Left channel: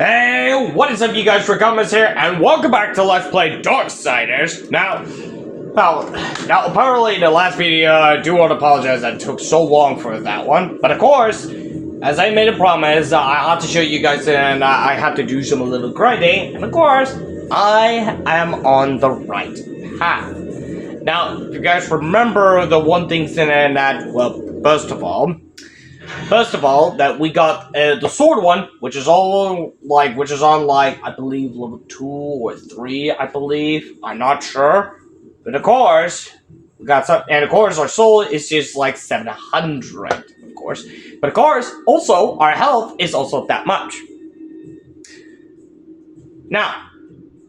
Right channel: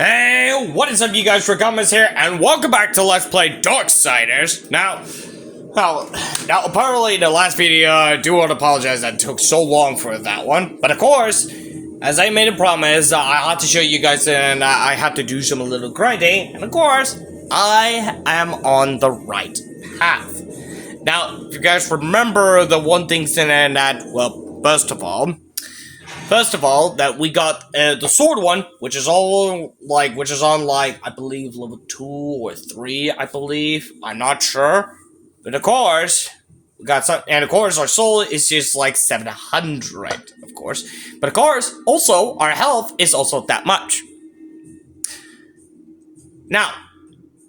Hey, what is up, you guys? Comments here, and welcome back to Let's Play Darksiders. Now, apparently in the last video, I do want to apologize that it took so long for that one. But of course, as I made a promise, I had to show you guys, and I had to do some little grinding. And of course, I am on the right path. Now, if you guys remember the one thing saying that, well, first of all, that we got the sword one, which is on I believe level 2 or 3, I believe. I'm not sure, but of course we got some, and of course our soul is just like 700, of course. But of course, also our health is also that much. Now,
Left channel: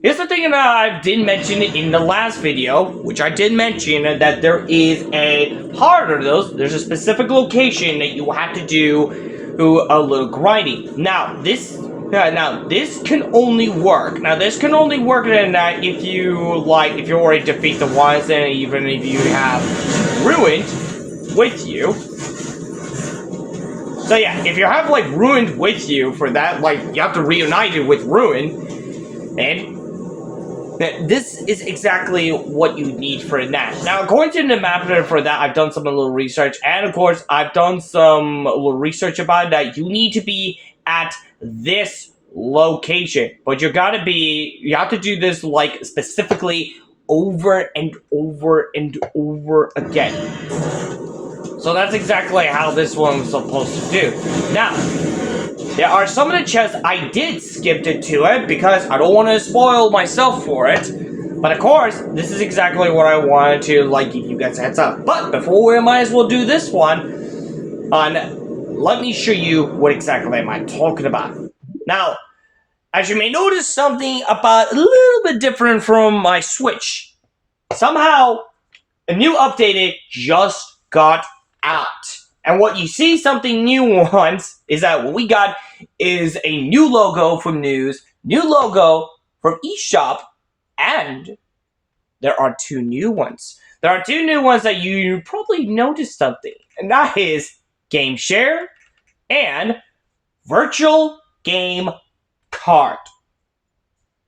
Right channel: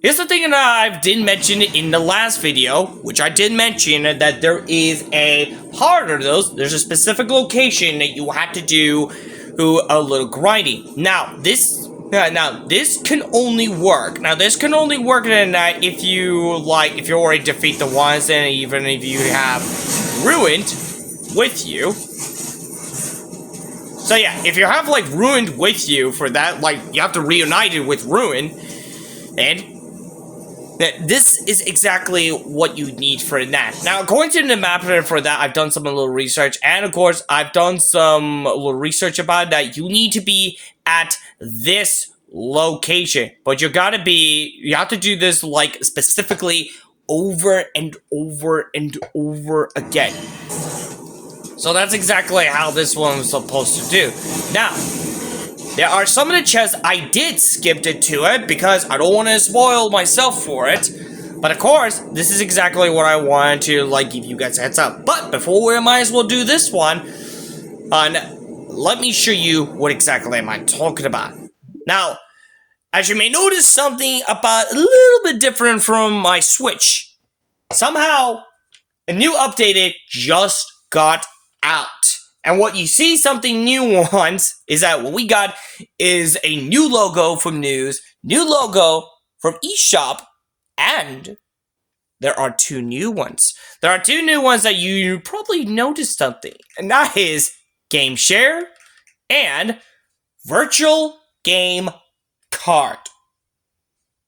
here's the thing that I did mention in the last video, which I did mention that there is a part of those. There's a specific location that you have to do a little grinding. Now this can only work. Now this can only work in that if you already defeat the ones, and even if you have ruined with you. So yeah, if you have like ruined with you for that, like you have to reunite it with ruin, and this is exactly what you need for that. Now, according to the map for that, I've done some little research, and of course, I've done some little research about that. You need to be at this location, but you have to do this like specifically over and over and over again. So that's exactly how this one's supposed to do. Now, there are some of the chests I did skip it to it because I don't want to spoil myself for it. But of course, this is exactly what I wanted to like give you guys a heads up. But before we might as well do this one, let me show you what exactly am I talking about. Now, as you may notice, something about a little bit different from my Switch. Somehow, a new update just got out. And what you see something new once is that what we got is a new logo from News, new logo from eShop, and there are two new ones. There are two new ones that you probably noticed something, and that is Game Share and Virtual Game Card.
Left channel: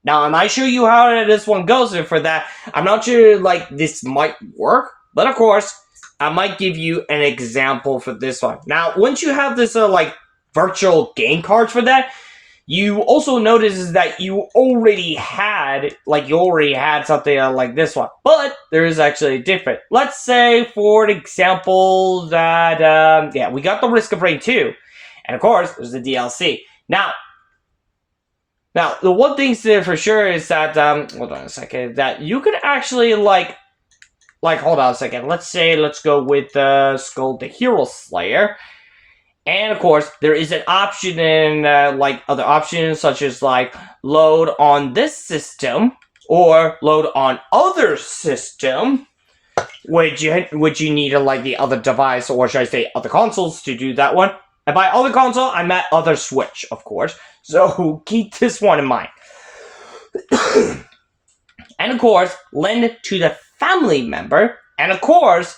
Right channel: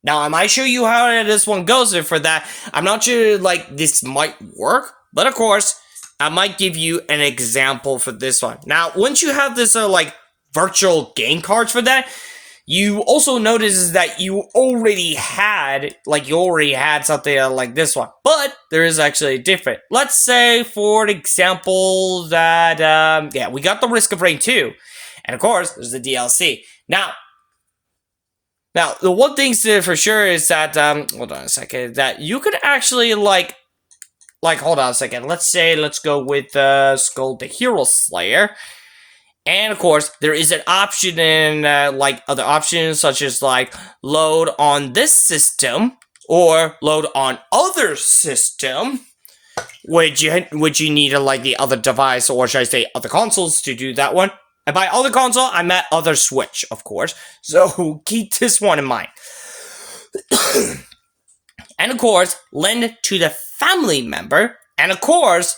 Now, I might show you how this one goes, and for that, I'm not sure like this might work, but of course, I might give you an example for this one. Now, once you have this like virtual game cards for that, you also notice that you already had something like this one, but there is actually different. Let's say, for example, that we got the Risk of Rain 2, and of course, there's the DLC. Now, the one thing for sure is that hold on a second, that you could actually hold on a second. Let's go with Skull the Hero Slayer. And of course, there is an option in other options such as like load on this system or load on other system, which you need like the other device, or should I say other consoles, to do that one. And by other console, I meant other Switch, of course. So keep this one in mind. And of course, lend to the family member, and of course,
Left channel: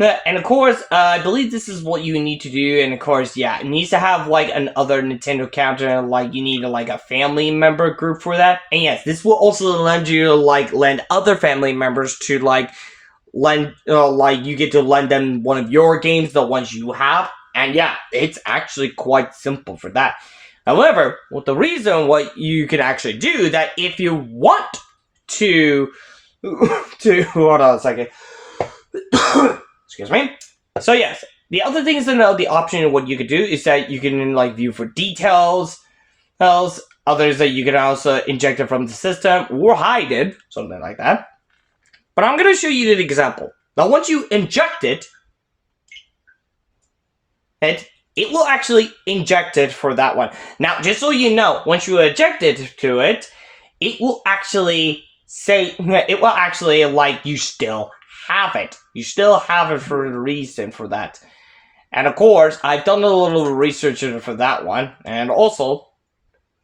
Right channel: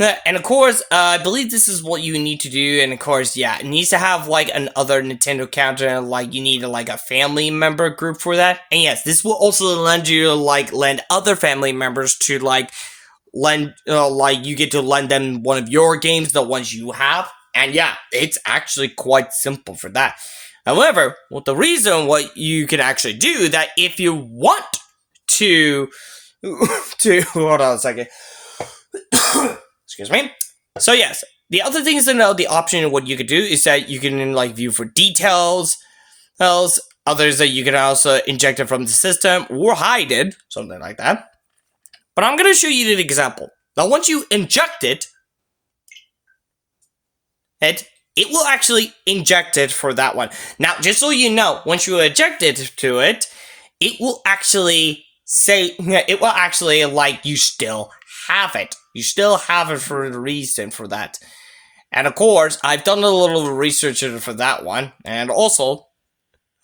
I believe this is what you need to do. And of course, yeah, it needs to have like another Nintendo account, and like you need like a family member group for that. And yes, this will also lend other family members to you get to lend them one of your games, the ones you have. And yeah, it's actually quite simple for that. However, the reason what you can actually do that, if you want to hold on a second. Excuse me. So yes, the other thing is to know the option of what you could do is that you can view for details. Others that you can also inject it from the system or hide it, something like that. But I'm gonna show you the example. Now, once you inject it, it will actually inject it for that one. Now, just so you know, once you inject it to it, it will actually you still have it. You still have it for a reason for that. And of course, I've done a little research for that one. And also,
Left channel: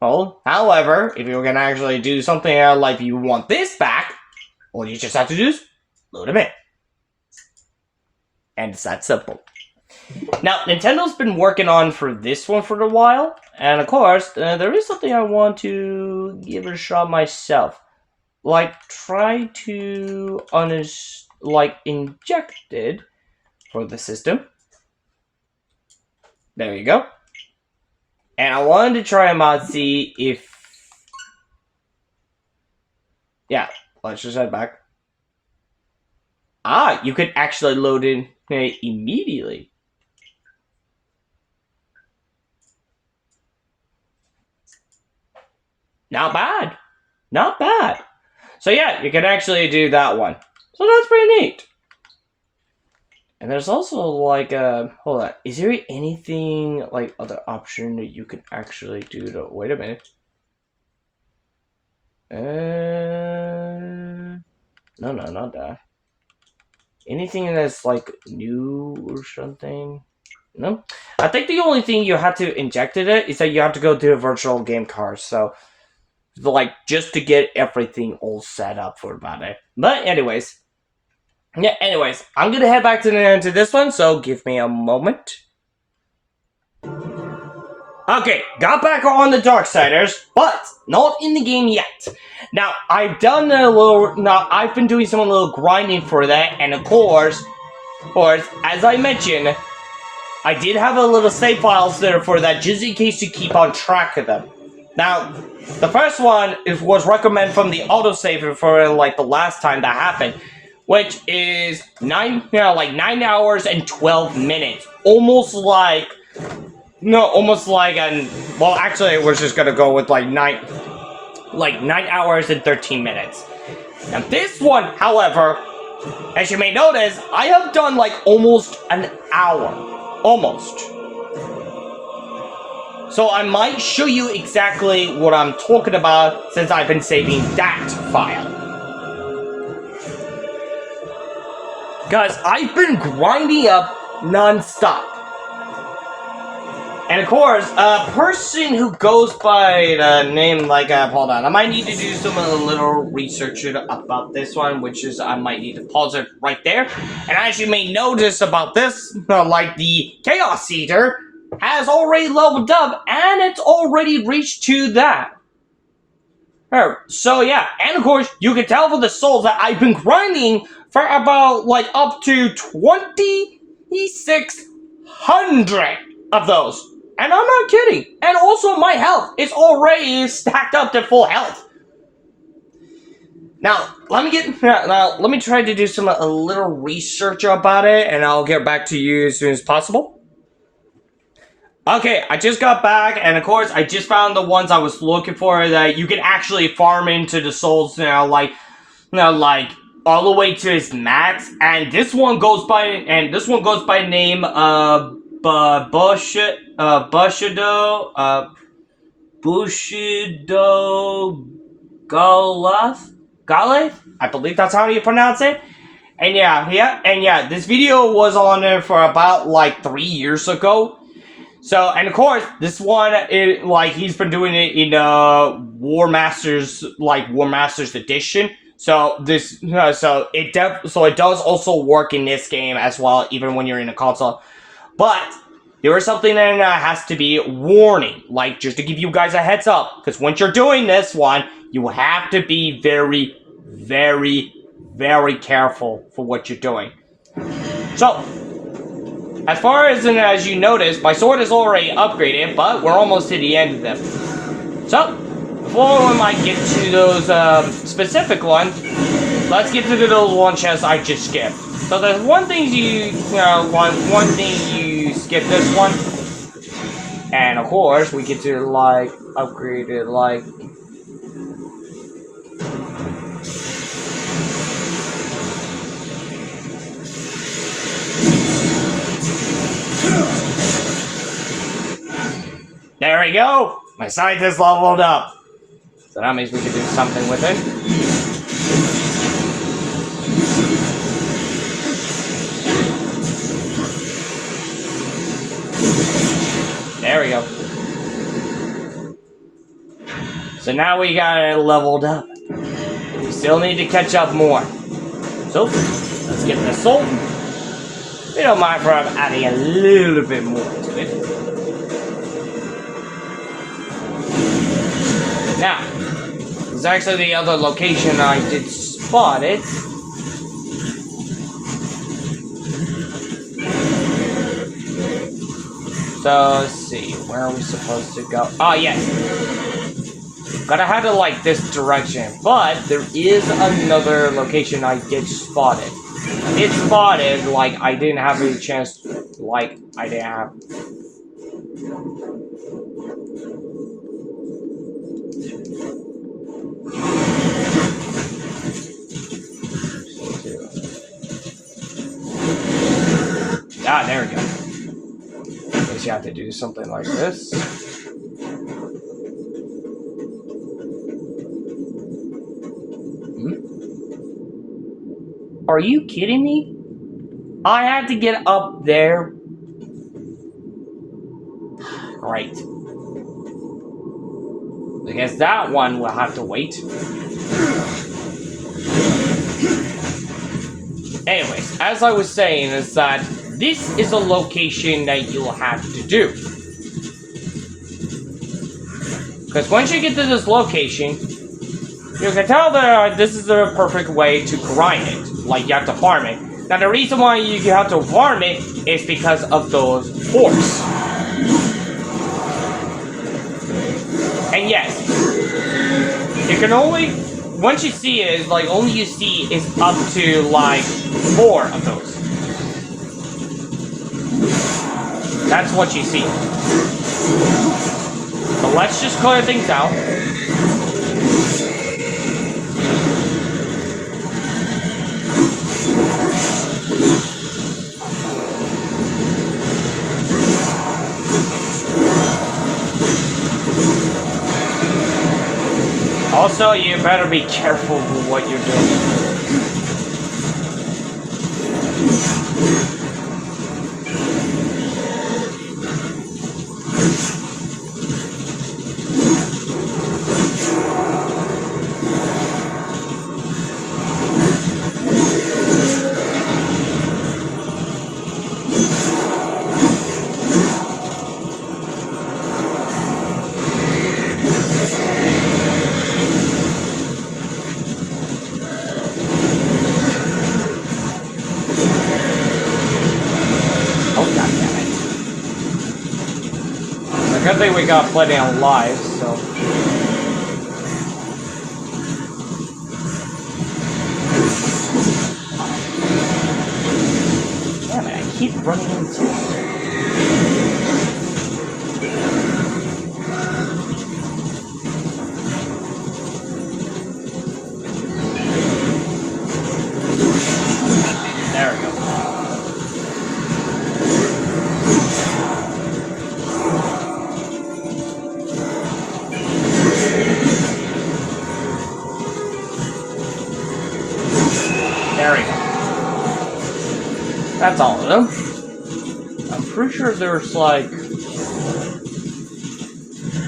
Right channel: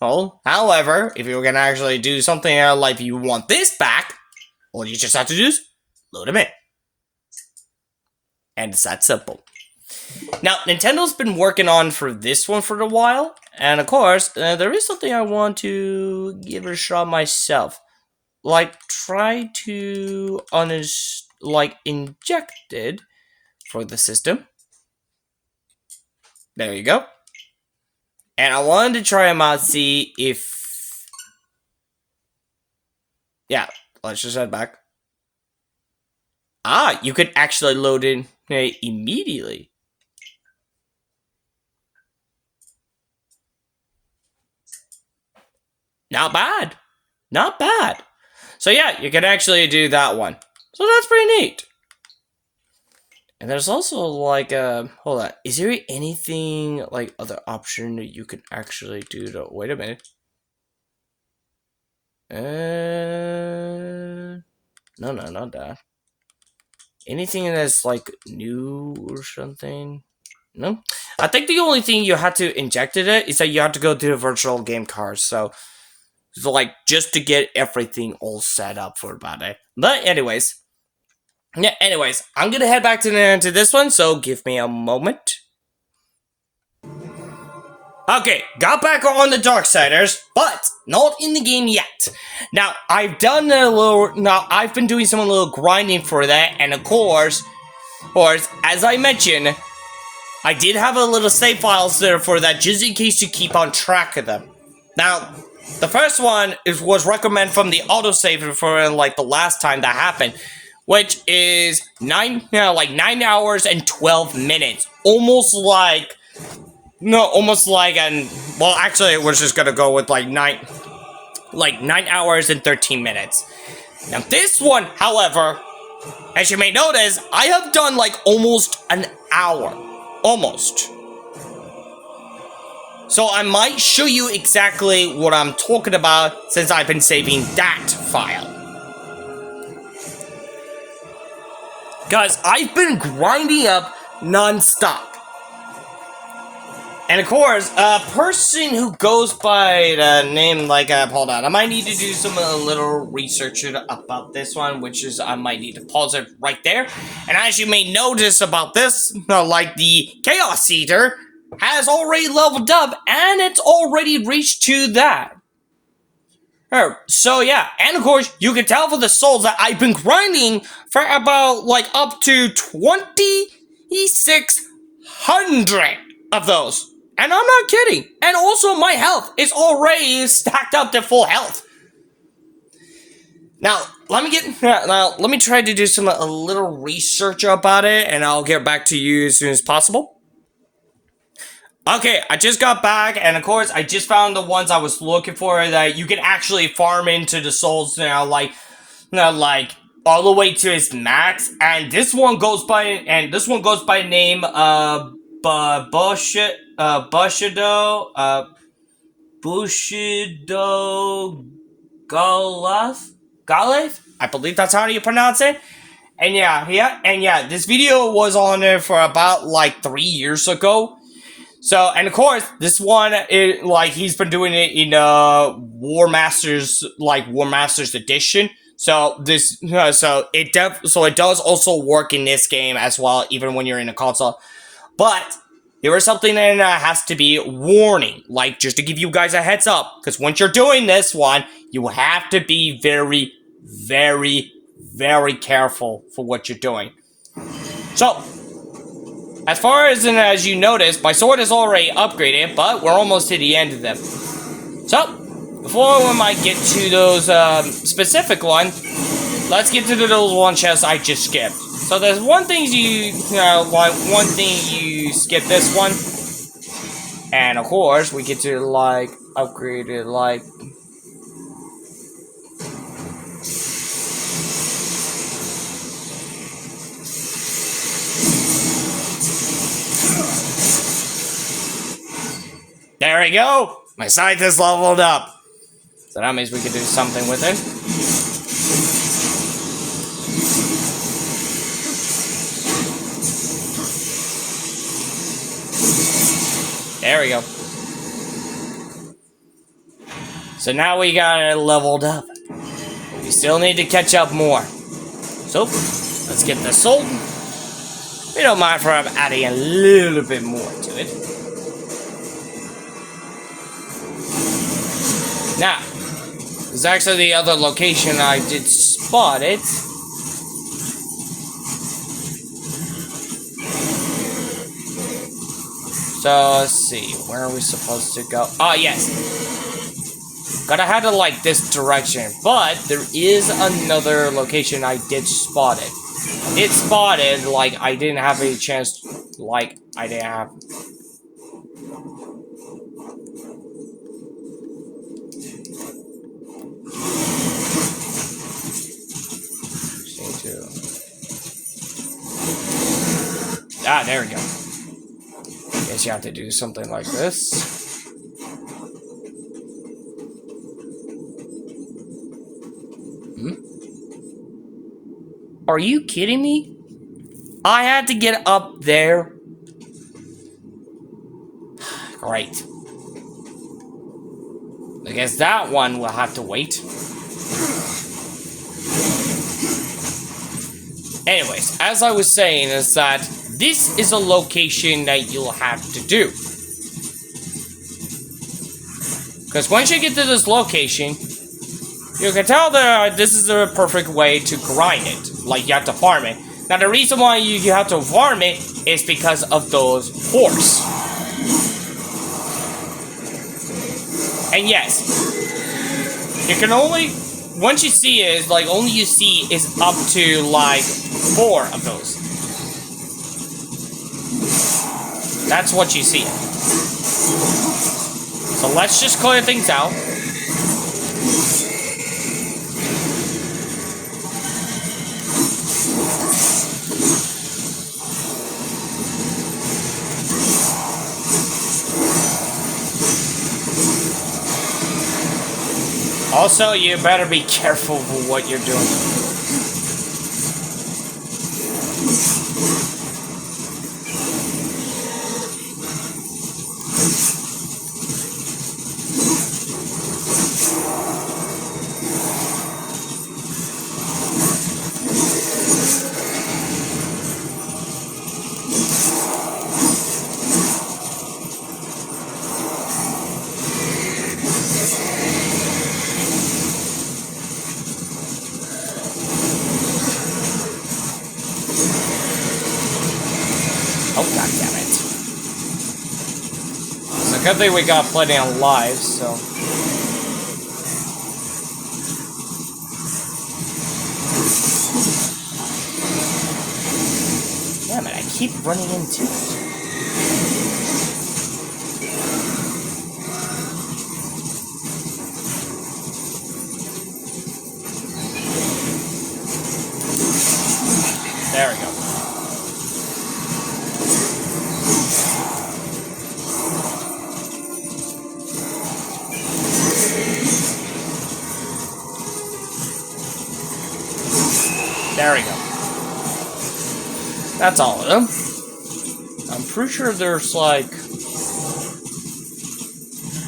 however, if you're gonna actually do something like you want this back, all you just have to do is load them in. And it's that simple. Now, Nintendo's been working on for this one for a while, and of course, there is something I want to give it a shot myself. Like, try to inject it for the system. There you go. And I wanted to try them out, see if... Yeah, let's just head back. Ah, you could actually load in immediately. Not bad. Not bad. So yeah, you can actually do that one. So that's pretty neat. And there's also like hold on, is there anything like other option that you can actually do to wait a minute? No, not that. Anything that's like new or something? No? I think the only thing you had to inject in it is that you have to go to the virtual game card, so like just to get everything all set up for about it. But anyways. Yeah, anyways, I'm gonna head back to this one, so give me a moment. Okay, got back on the Darksiders, but not in the game yet. Now, I've done a little, I've been doing some little grinding for that, and of course, as I mentioned, I did have a little save files there for that, just in case you keep on track of them. Now, the first one was recommended from the autosave for like the last time that happened, which is 9 hours and 12 minutes. Almost like well, actually, it was just gonna go with like 9 hours and 13 minutes. Now this one, however, as you may notice, I have done like almost an hour. Almost. So I might show you exactly what I'm talking about since I've been saving that file. Guys, I've been grinding up non-stop. And of course, a person who goes by the name hold on, I might need to do some little research about this one, which is I might need to pause it right there. And as you may notice about this, the Chaos Eater has already leveled up, and it's already reached to that. So yeah, and of course, you can tell for the souls that I've been grinding for about up to 2,600 of those. And I'm not kidding. And also my health is already stacked up to full health. Now, let me try to do a little research about it, and I'll get back to you as soon as possible. Okay, I just got back, and of course, I just found the ones I was looking for that you can actually farm into the souls now, all the way to its max. And this one goes by name Bushido Galath? I believe that's how you pronounce it. And yeah, this video was on there for about 3 years ago. So, and of course, this one, he's been doing it in War Masters Edition. So it does also work in this game as well, even when you're in a console. But there is something that has to be warning, just to give you guys a heads up, because once you're doing this one, you have to be very, very, very careful for what you're doing. So, as far as you notice, my sword is already upgraded, but we're almost to the end of them. So, before we might get to those specific ones, let's get to those one chests I just skipped. So there's one thing you skip this one, and of course we get to upgrade it There we go! My scythe is leveled up. So that means we can do something with it. There we go. So now we got it leveled up. We still need to catch up more. So, let's get the soul. We don't mind for adding a little bit more to it. Now, there's actually the other location I did spot it. So, let's see, where are we supposed to go? Oh, yes. Gotta head in, like, this direction. But, there is another location I did spot it. I did spot it, like, I didn't have any chance, like, I didn't have... Ah, there we go. Guess you have to do something like this. Are you kidding me? I had to get up there. Great. I guess that one will have to wait. Anyways, as I was saying is that this is a location that you'll have to do. Because once you get to this location, you can tell that this is the perfect way to grind it. Like, you have to farm it. Now, the reason why you have to farm it is because of those horse. And yes, you can only, once you see it, is like, only you see is up to, like, 4 of those. That's what you see. So let's just clear things out. Also, you better be careful with what you're doing. Good thing we got plenty of lives, so... Damn it, I keep running into it. There we go. There we go. That's all of them. I'm pretty sure there's like...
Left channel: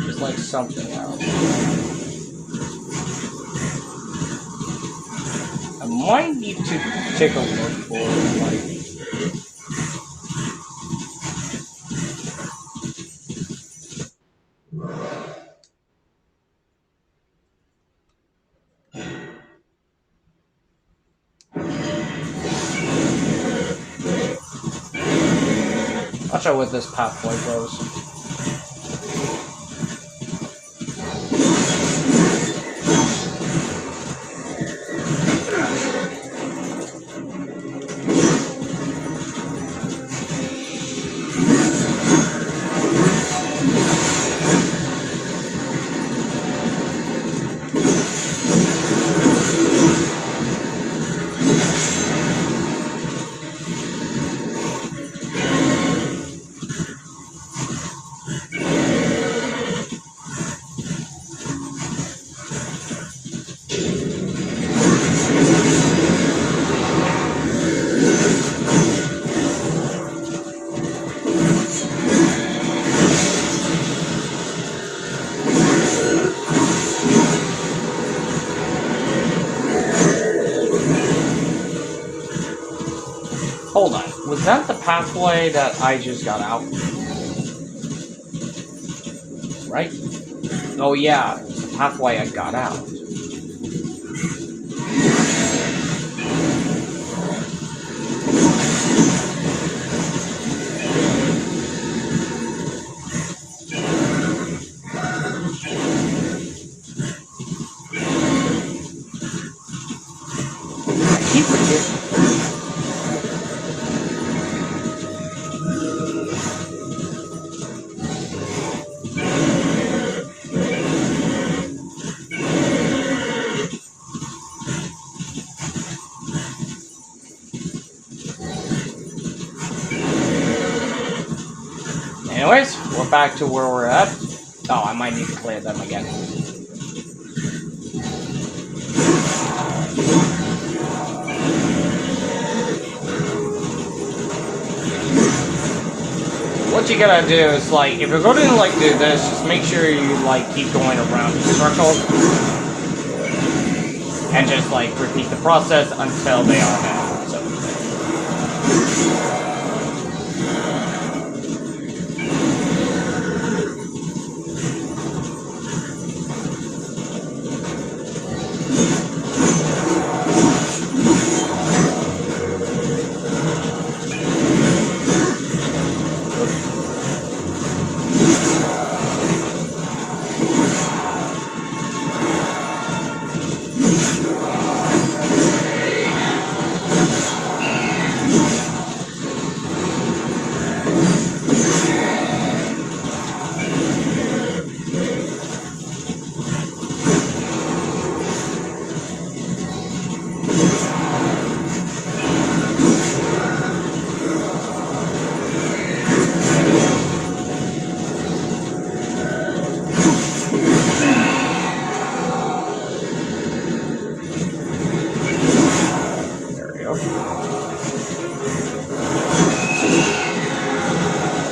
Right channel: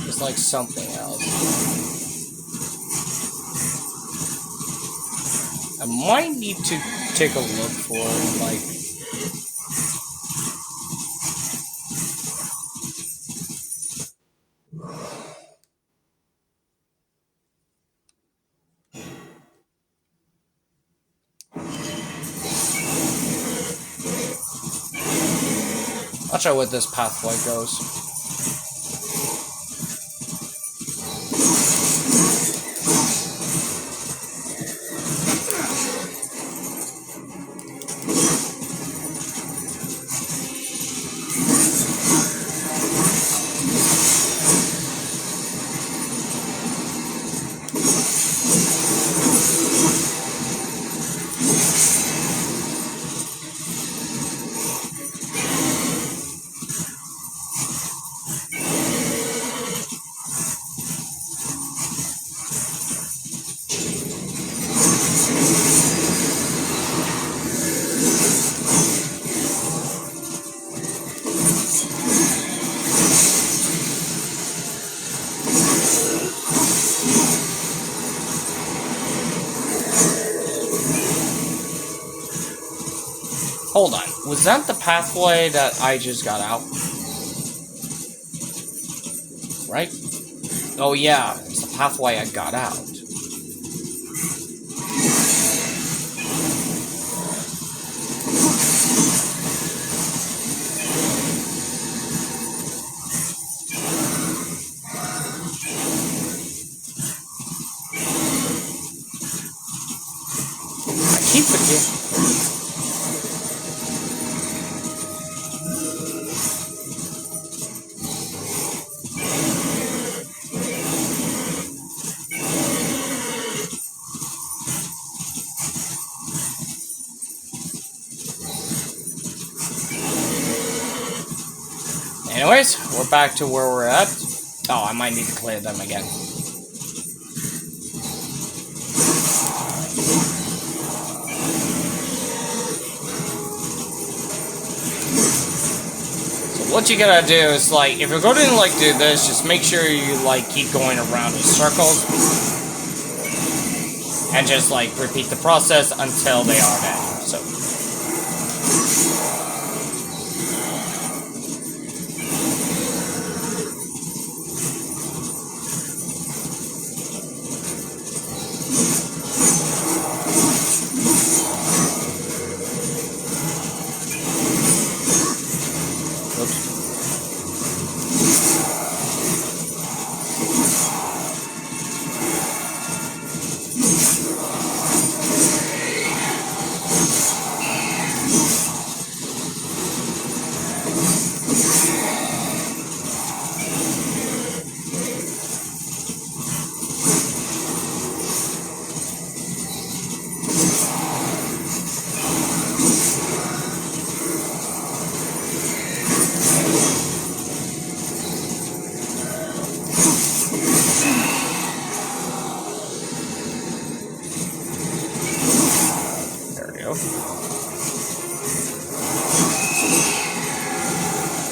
There's like something else. I might need to take a look for like... Not sure what this pathway goes. Was that the pathway that I just got out? Right? Oh yeah, it's the pathway I got out. I keep forgetting. Anyways, we're back to where we're at. Oh, I might need to clear them again. So what you gotta do is, like, if you're going to, like, do this, just make sure you, like, keep going around the circle. And just, like, repeat the process until they are down. So.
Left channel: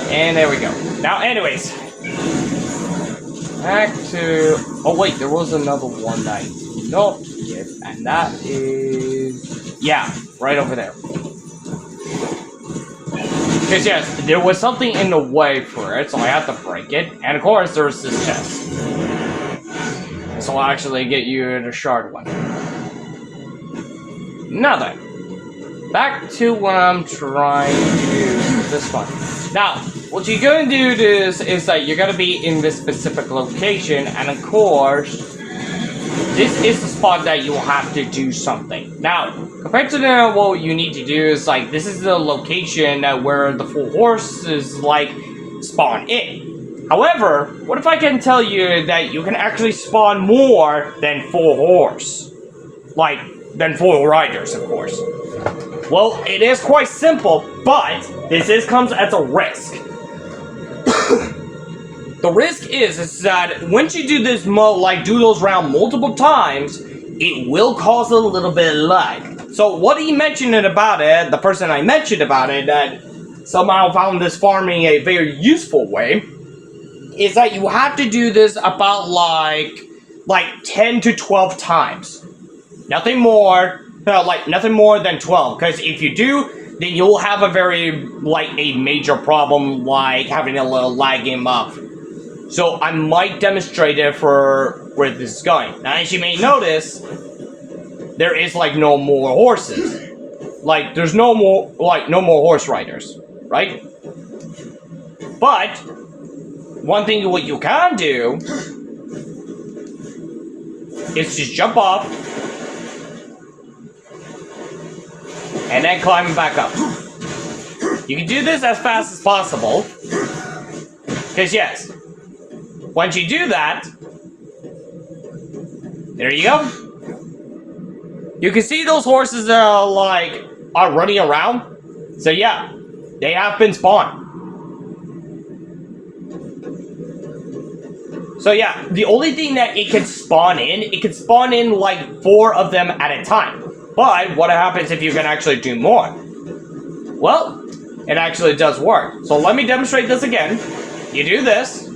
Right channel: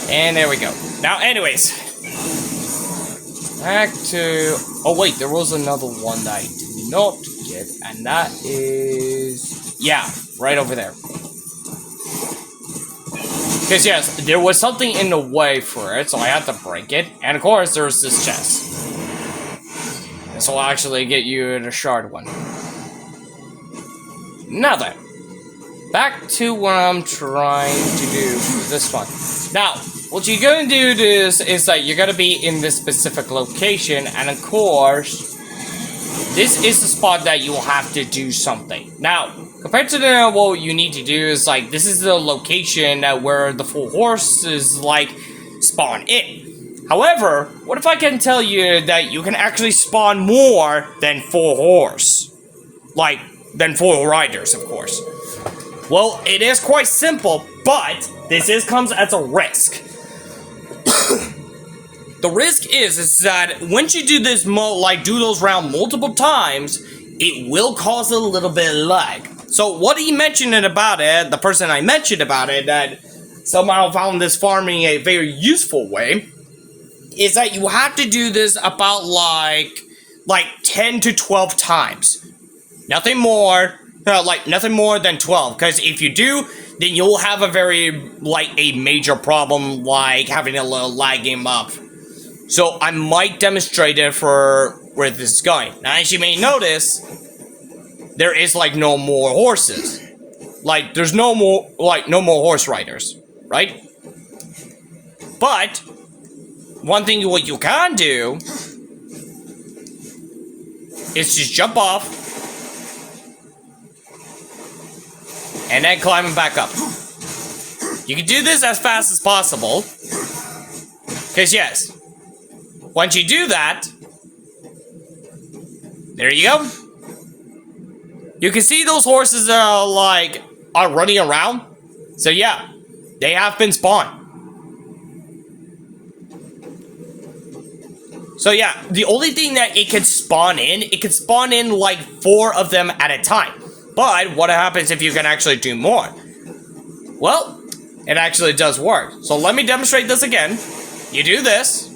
And there we go. Now, anyways. Back to... Oh, wait, there was another one that I did not get, and that is... Yeah, right over there. Because, yes, there was something in the way for it, so I had to break it. And, of course, there's this chest. And so I'll actually get you the shard one. Now then. Back to what I'm trying to do with this one. Now, what you're gonna do is that you're gonna be in this specific location, and of course, this is the spot that you will have to do something. Now, compared to what you need to do is, like, this is the location where the full horses, like, spawn in. However, what if I can tell you that you can actually spawn more than full horse? Like, than full riders, of course. Well, it is quite simple, but this comes as a risk. The risk is that once you do this, do those rounds multiple times, it will cause a little bit of lag. So what he mentioned about it, the person I mentioned about it, that somehow found this farming a very useful way, is that you have to do this about like 10 to 12 times. Nothing more. Nothing more than 12, because if you do, then you'll have a major problem, like having a little lagging up. So I might demonstrate it for where this is going. Now, as you may notice, there is, like, no more horses. Like, there's no more horse riders, right? But, one thing what you can do is just jump off, and then climb back up. You can do this as fast as possible. Because, yes, once you do that, there you go. You can see those horses are running around. So, yeah, they have been spawned. So, yeah, the only thing that it can spawn in like 4 of them at a time. But what happens if you can actually do more? Well, it actually does work. So let me demonstrate this again. You do this,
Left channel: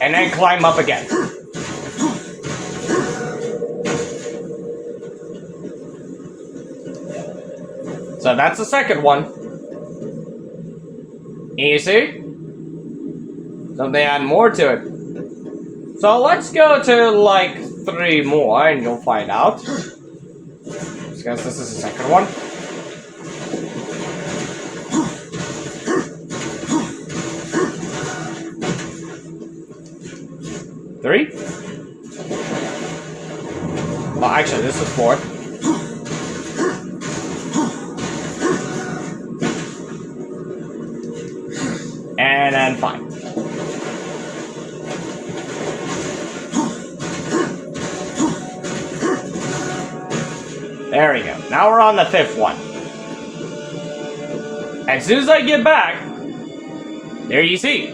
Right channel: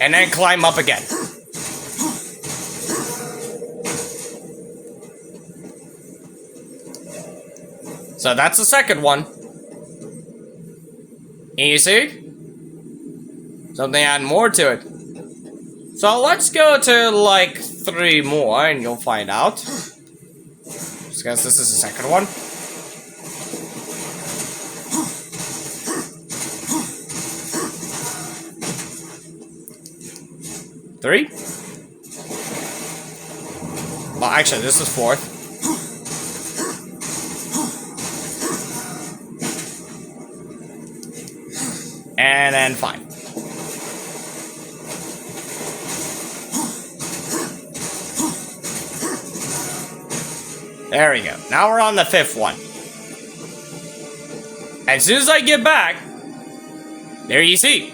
and then climb up again. So that's the second one. Easy. Something add more to it. So let's go to like 3 more and you'll find out. Just guess this is the second one. Three? Oh, actually, this is 4th. And then 5. There we go. Now we're on the 5th one. As soon as I get back, there you see.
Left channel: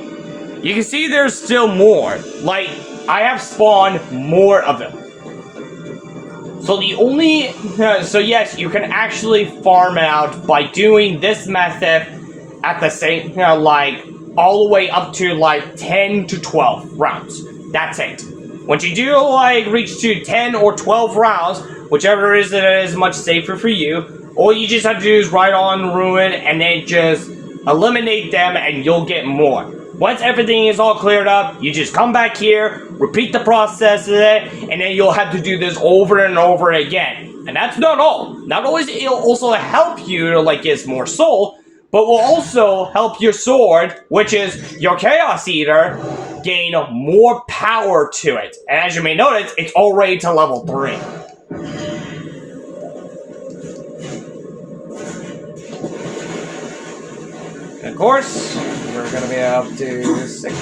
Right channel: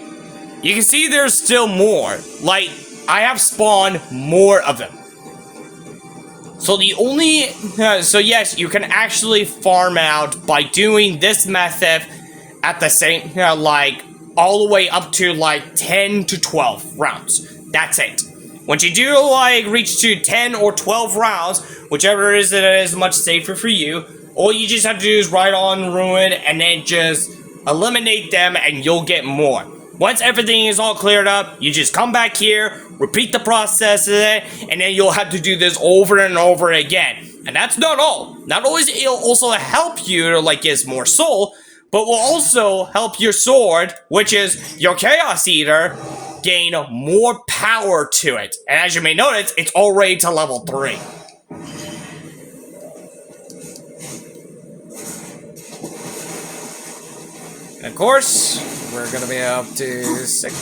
You can see there's still more. Like, I have spawned more of them. So the only... so yes, you can actually farm it out by doing this method at the same... like, all the way up to, like, 10 to 12 rounds. That's it. Once you do, like, reach to 10 or 12 rounds, whichever is much safer for you, all you just have to do is ride on Ruin and then just eliminate them and you'll get more. Once everything is all cleared up, you just come back here, repeat the process of it, and then you'll have to do this over and over again. And that's not all. Not always it'll also help you to like get more soul, but will also help your sword, which is your Chaos Eater, gain more power to it. And as you may notice, it's already to level 3. And of course, we're gonna be up to 6.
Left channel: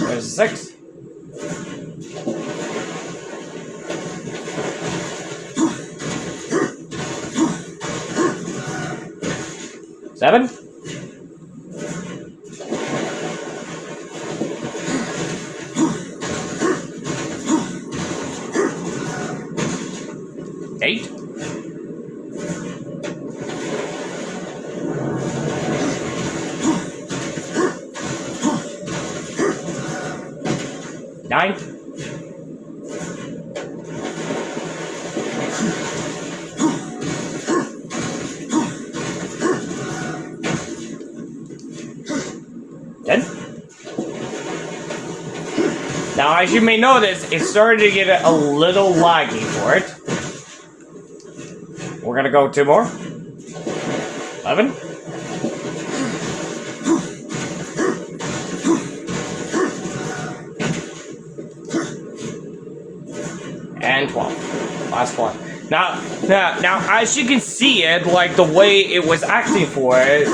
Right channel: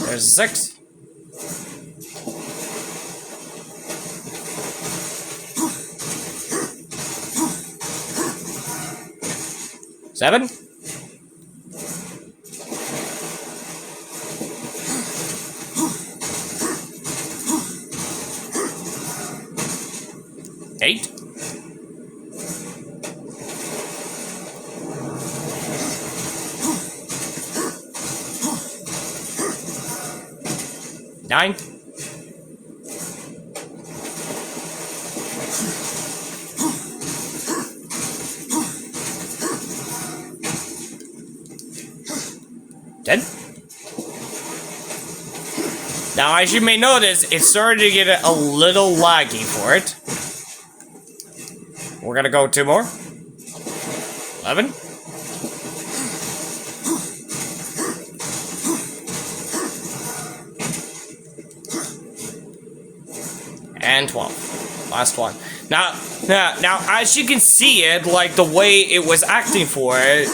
There's 6. Seven. 8. 9. 10. Now, as you may notice, it's starting to get a little laggy for it. We're gonna go 2 more. 11. And 12. Last one. Now, as you can see it, like the way it was acting for it,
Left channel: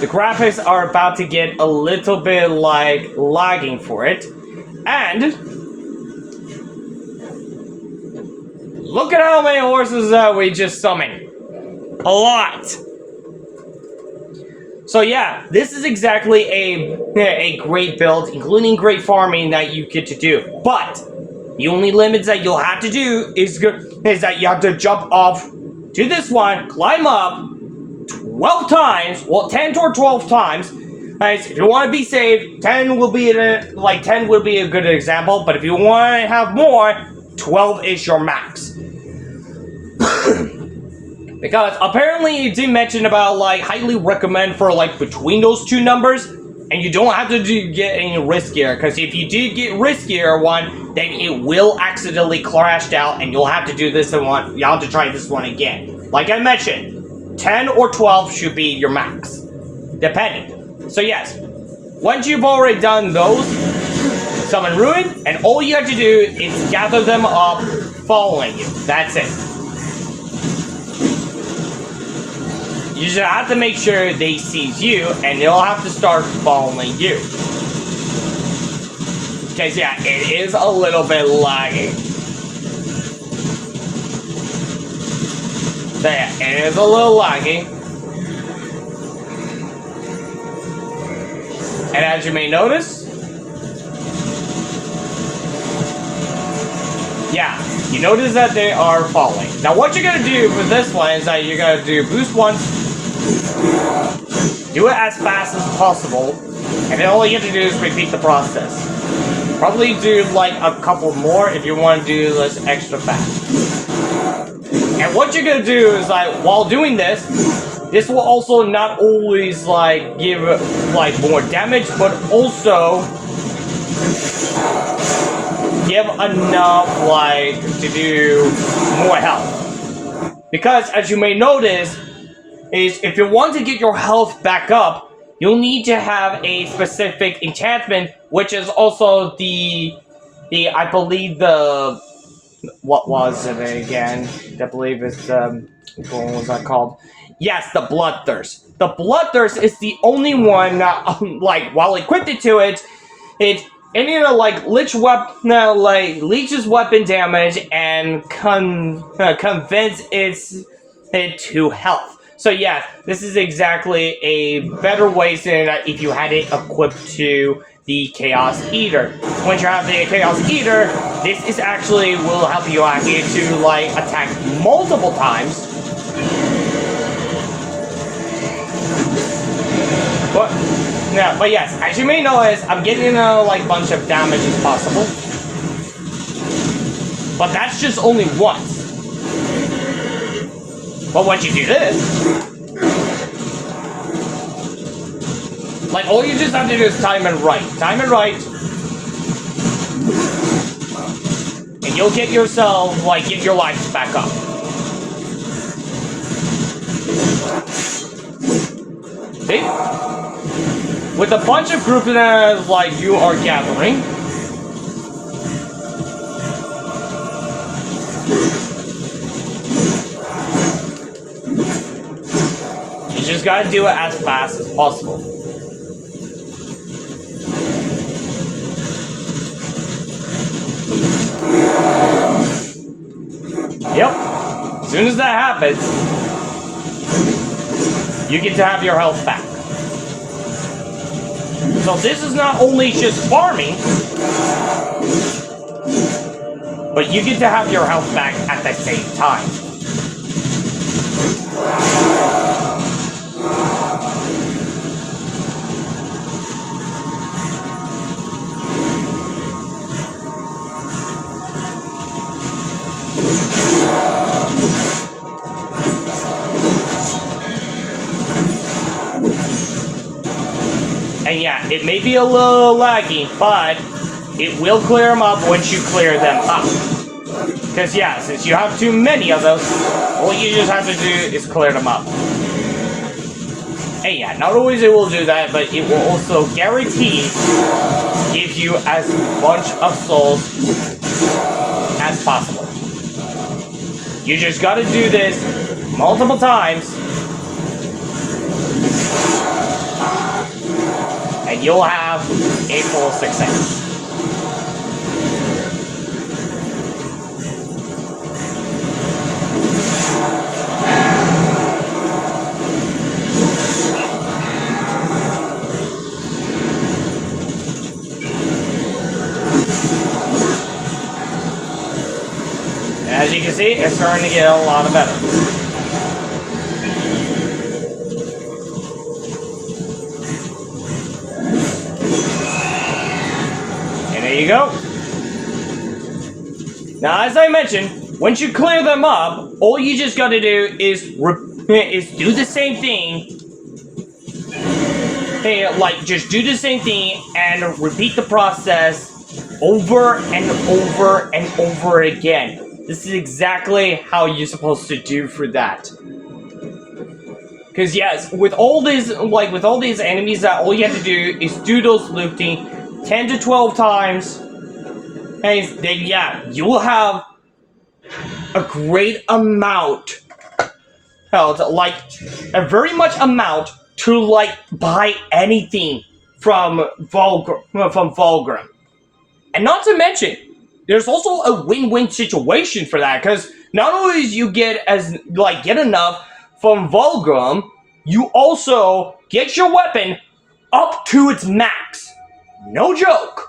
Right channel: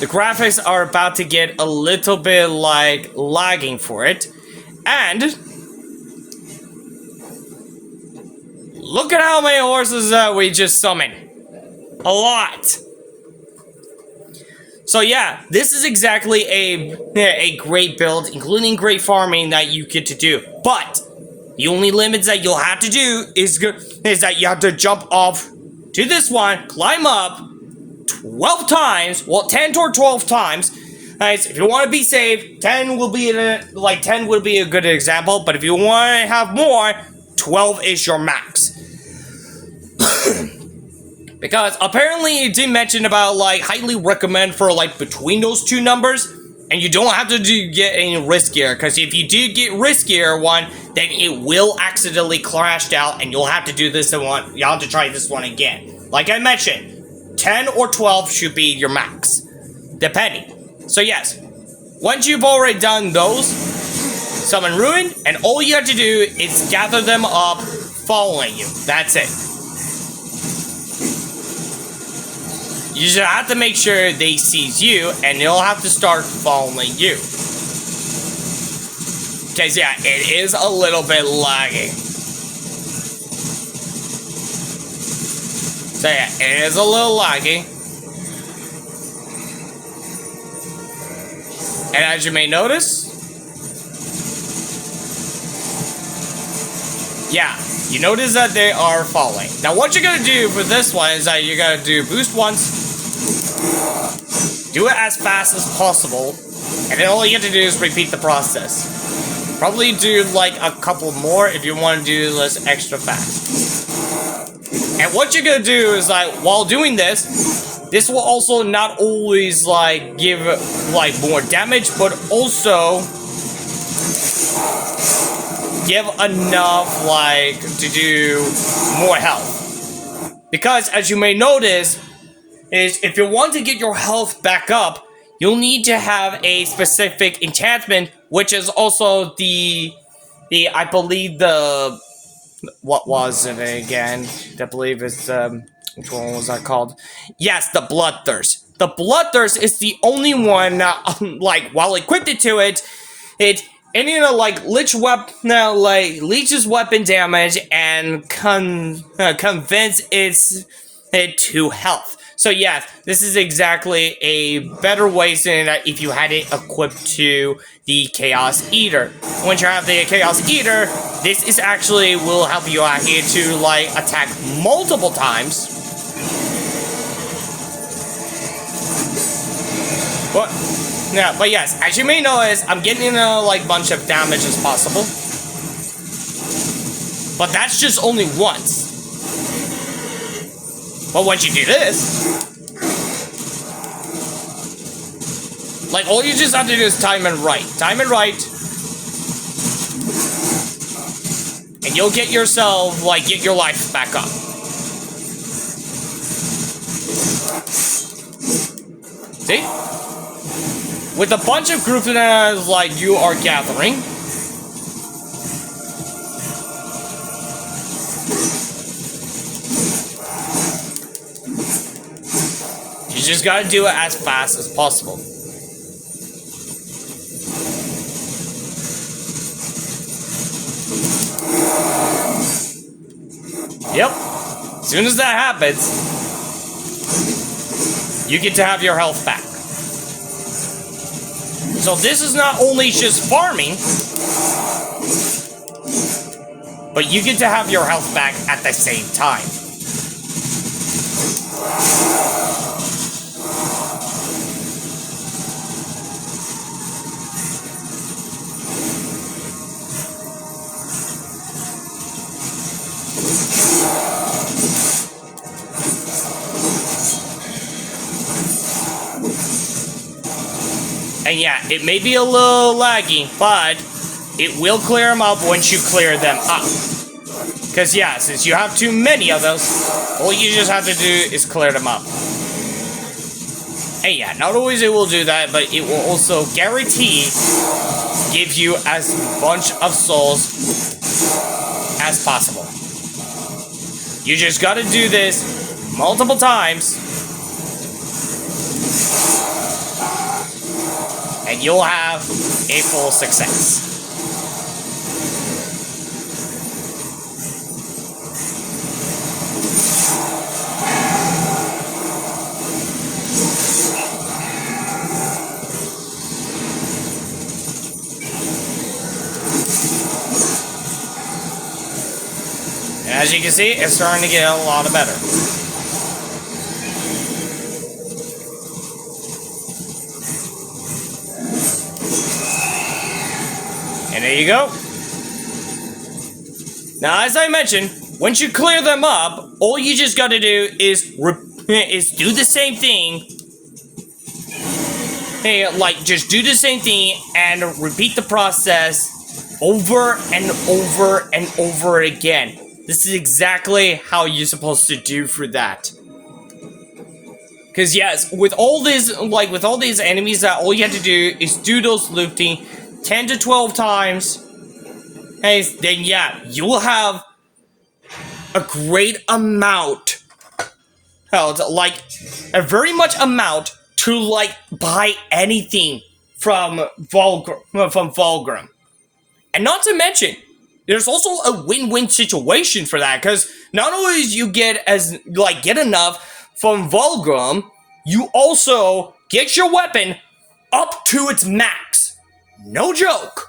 the graphics are about to get a little bit like lagging for it. And look at how many horses we just summoned. A lot. So yeah, this is exactly a great build, including great farming that you get to do. But the only limits that you'll have to do is that you have to jump off to this one, climb up 12 times, well 10 or 12 times. Guys, if you want to be safe, 10 will be a good example, but if you want to have more, 12 is your max. Because apparently it did mention about like highly recommend for like between those 2 numbers, and you don't have to get any riskier, because if you do get riskier one, then it will accidentally crash out and you'll have to do this one, you'll have to try this one again. Like I mentioned, 10 or 12 should be your max, depending. So yes, once you've already done those, summon Ruin, and all you have to do is gather them up following you. That's it. You just have to make sure they seize you, and they'll have to start following you. Because yeah, it is a little bit lagging. So yeah, it is a little lagging. And as you may notice, yeah, you notice that they are falling. Now what you're gonna do for this one is that you're gonna do boost once, do it as fast as possible, and then all you have to do is repeat the process. Probably do like a couple more if you want to do this extra fast. And what you're gonna do is, like, while doing this, this will also not always, like, give, like, more damage, but also give enough, like, to do more health. Because, as you may notice, is if you want to get your health back up, you'll need to have a specific enchantment, which is also I believe what was it again? I believe it's, which one was that called? Yes, the Bloodthirst. The Bloodthirst is the only one, like, while equipped to it, like, leeches weapon damage and convince it to health. So yes, this is exactly a better way than if you had it equipped to the Chaos Eater. Once you have the Chaos Eater, this is actually will help you out here to, like, attack multiple times. But yes, as you may notice, I'm getting a, like, bunch of damage as possible. But that's just only once. But once you do this, like, all you just have to do is time it right. Time it right. And you'll get yourself, like, get your life back up. See? With a bunch of groups that, like, you are gathering, you just gotta do it as fast as possible. Yep. As soon as that happens, you get to have your health back. So this is not only just farming, but you get to have your health back at the same time. And yeah, it may be a little laggy, but it will clear them up once you clear them up. Because yeah, since you have too many of those, all you just have to do is clear them up. And yeah, not always it will do that, but it will also guarantee give you as much of souls as possible. You just gotta do this multiple times, and you'll have a full success. As you can see, it's starting to get a lot better. And there you go. Now, as I mentioned, once you clear them up, all you just gotta do is do the same thing. Hey, like, just do the same thing and repeat the process over and over and over again. This is exactly how you're supposed to do for that. Because yes, with all these enemies, that all you have to do is do those looting 10 to 12 times, and then yeah, you will have a great amount, like a very much amount to like buy anything from Vulgrim. And not to mention, there's also a win-win situation for that, because not only do you get enough from Vulgrim, you also get your weapon up to its max. No joke.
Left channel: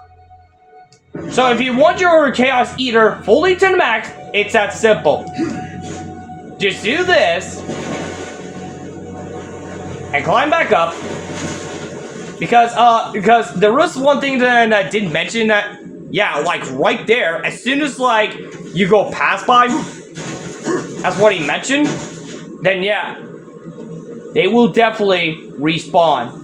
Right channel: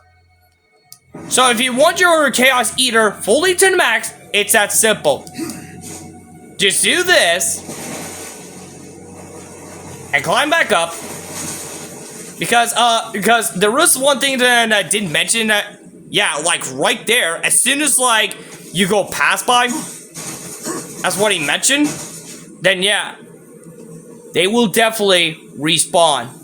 So if you want your Chaos Eater fully to the max, it's that simple. Just do this and climb back up. Because there was one thing that I didn't mention that. Yeah, like right there, as soon as like you go past by, as what he mentioned, then yeah, they will definitely respawn.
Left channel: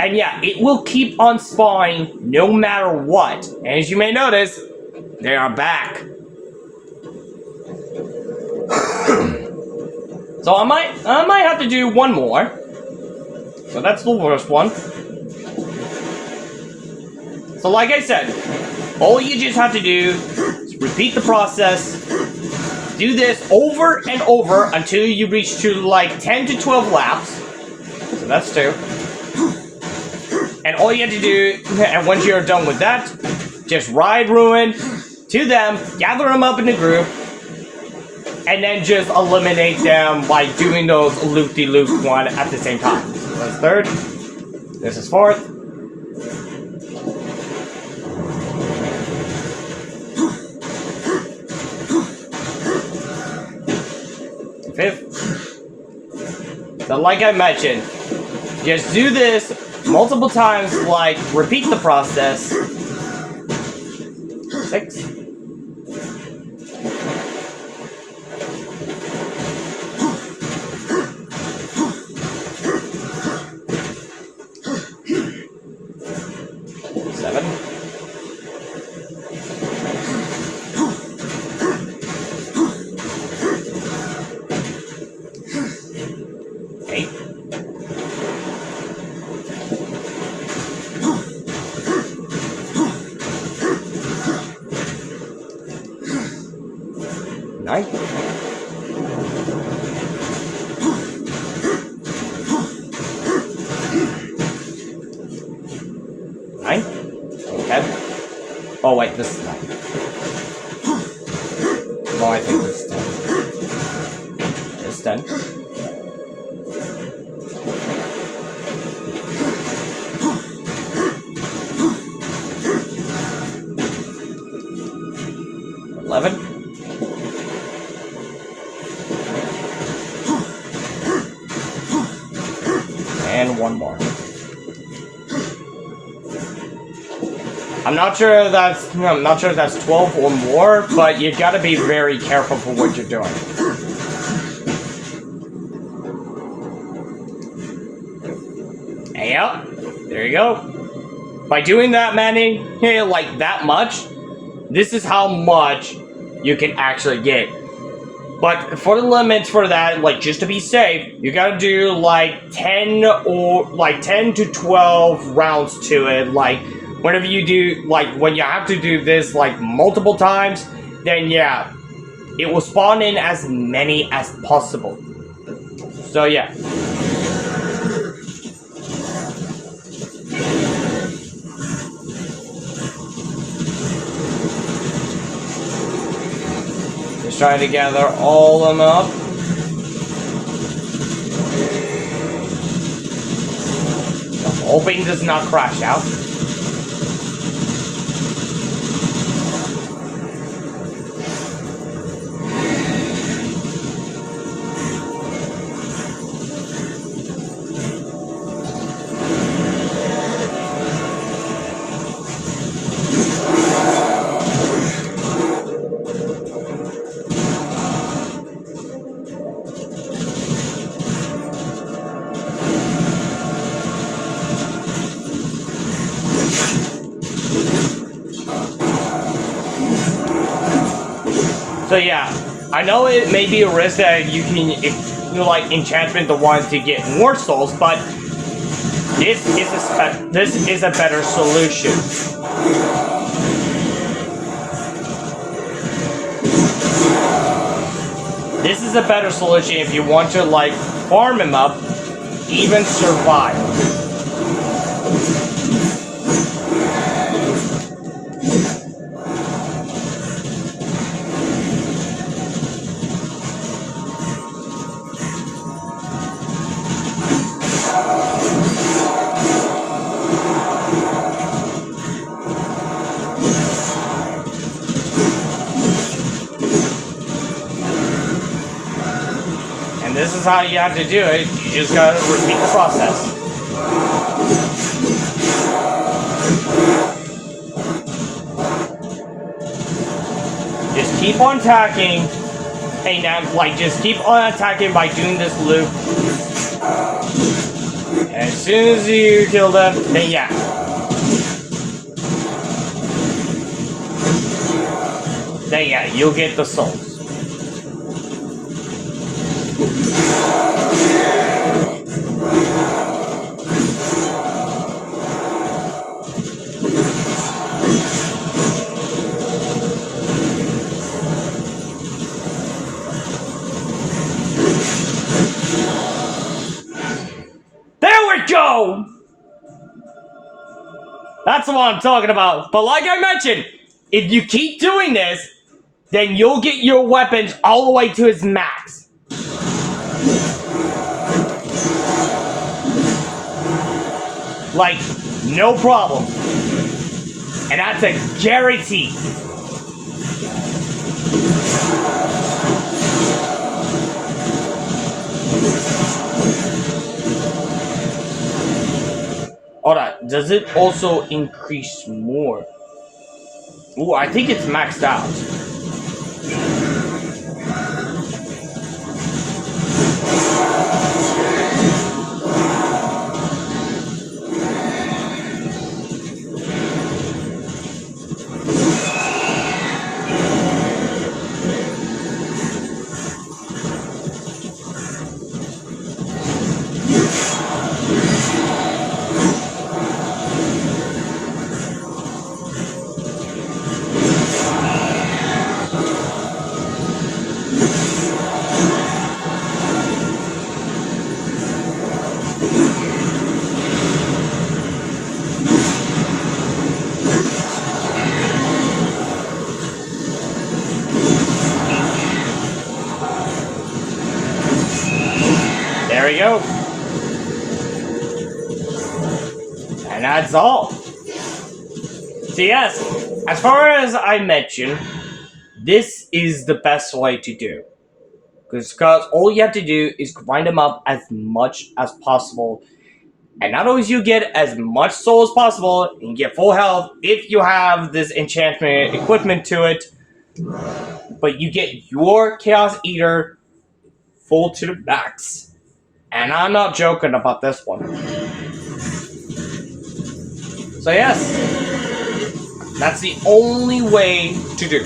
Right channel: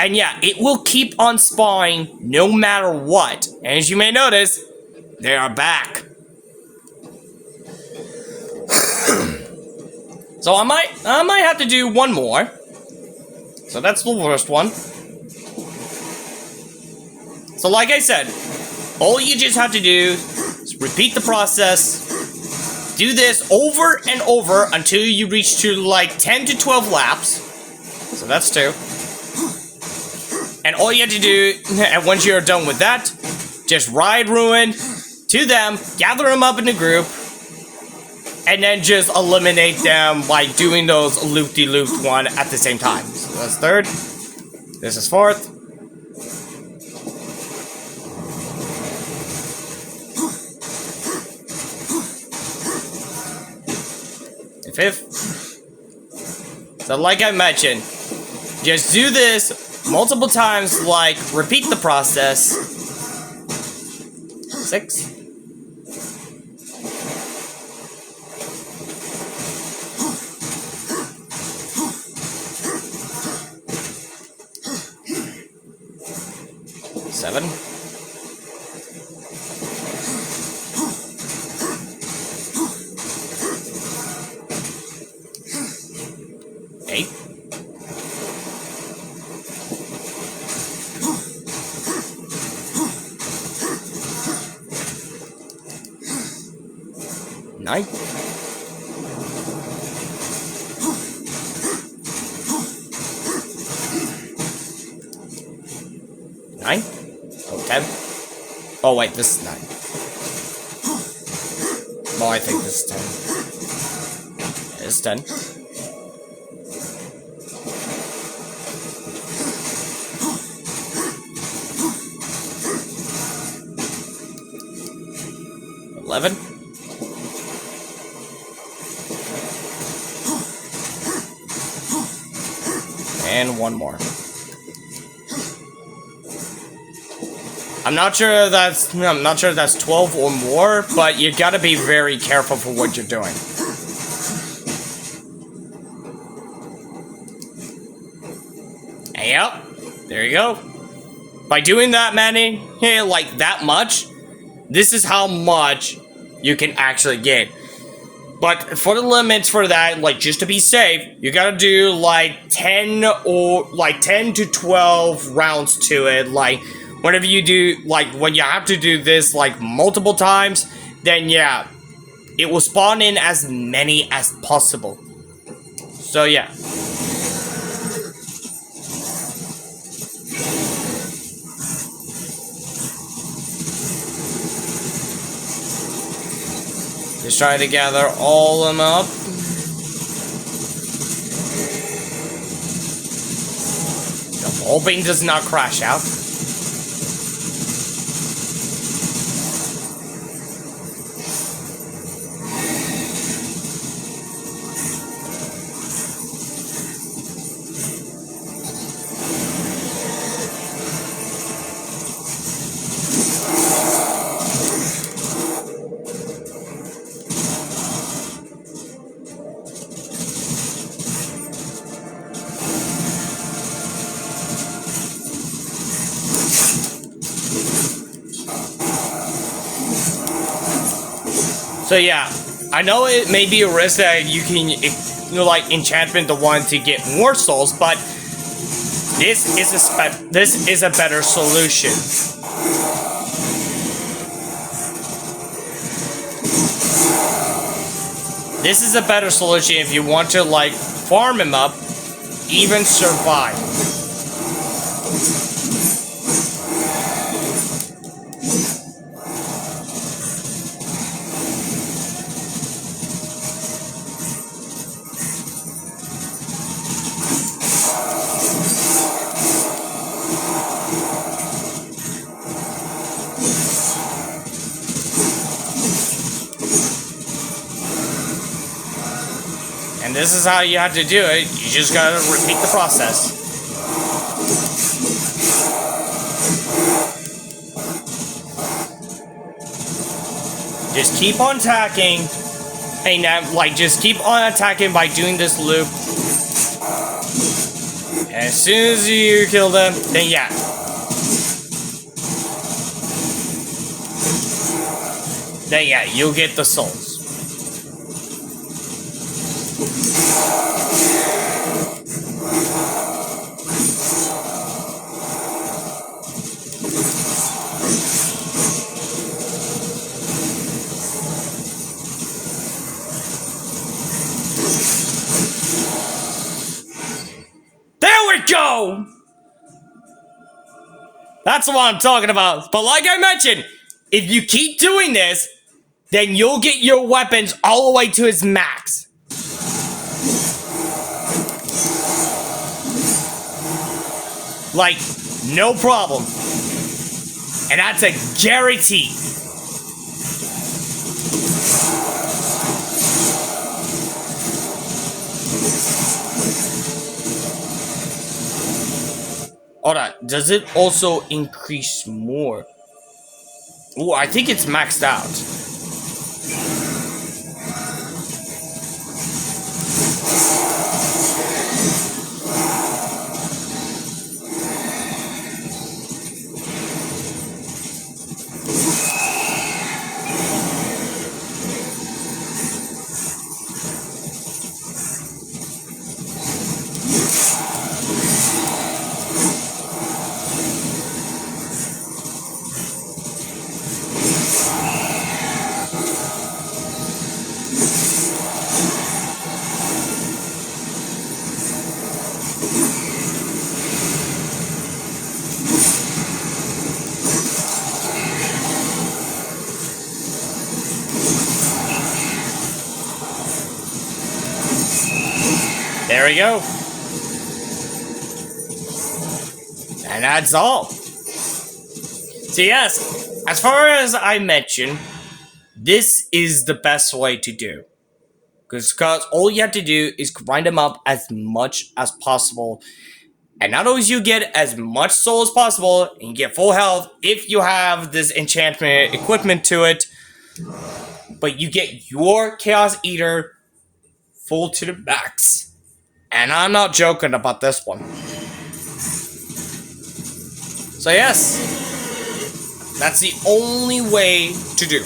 And yeah, it will keep on spawning no matter what. And as you may notice, they are back. So I might have to do one more. So that's the worst one. So like I said, all you just have to do is repeat the process. Do this over and over until you reach to like 10 to 12 laps. So that's 2. And all you have to do, and once you're done with that, just ride Ruin to them, gather them up in a group, and then just eliminate them by doing those loop-de-loop one at the same time. So that's 3rd. This is 4th. And 5th. So like I mentioned, just do this multiple times, like, repeat the process. 6. 7. 8. 9. 9. Oh, 10. Oh wait, this is 9. No, I think this is 10. It's 10. 11. 1 more. I'm not sure that's 12 or more, but you gotta be very careful for what you're doing. And yep, there you go. By doing that many, like that much, this is how much you can actually get. But for the limits for that, like just to be safe, you gotta do like 10 to 12 rounds to it. Like whenever you do, like when you have to do this like multiple times, then yeah, it will spawn in as many as possible. So yeah. Just trying to gather all of them up. I'm hoping does not crash out. So yeah, I know it may be a risk that you can, like enchantment the one to get more souls, but this is a better solution. This is a better solution if you want to like farm him up, even survive. This is how you have to do it. You just gotta repeat the process. Just keep on attacking. And now, like, just keep on attacking by doing this loop. And as soon as you kill them, then yeah. Then yeah, you'll get the souls. Go! That's what I'm talking about. But like I mentioned, if you keep doing this, then you'll get your weapons all the way to its max. Like, no problem. And that's a guarantee. Alright, does it also increase more? Ooh, I think it's maxed out. There we go. And that's all. So yes, as far as I mentioned, this is the best way to do. Because all you have to do is grind them up as much as possible. And not only do you get as much soul as possible, and you get full health if you have this enchantment equipment to it, but you get your Chaos Eater full to the max. And I'm not joking about this one. So yes, that's the only way to do.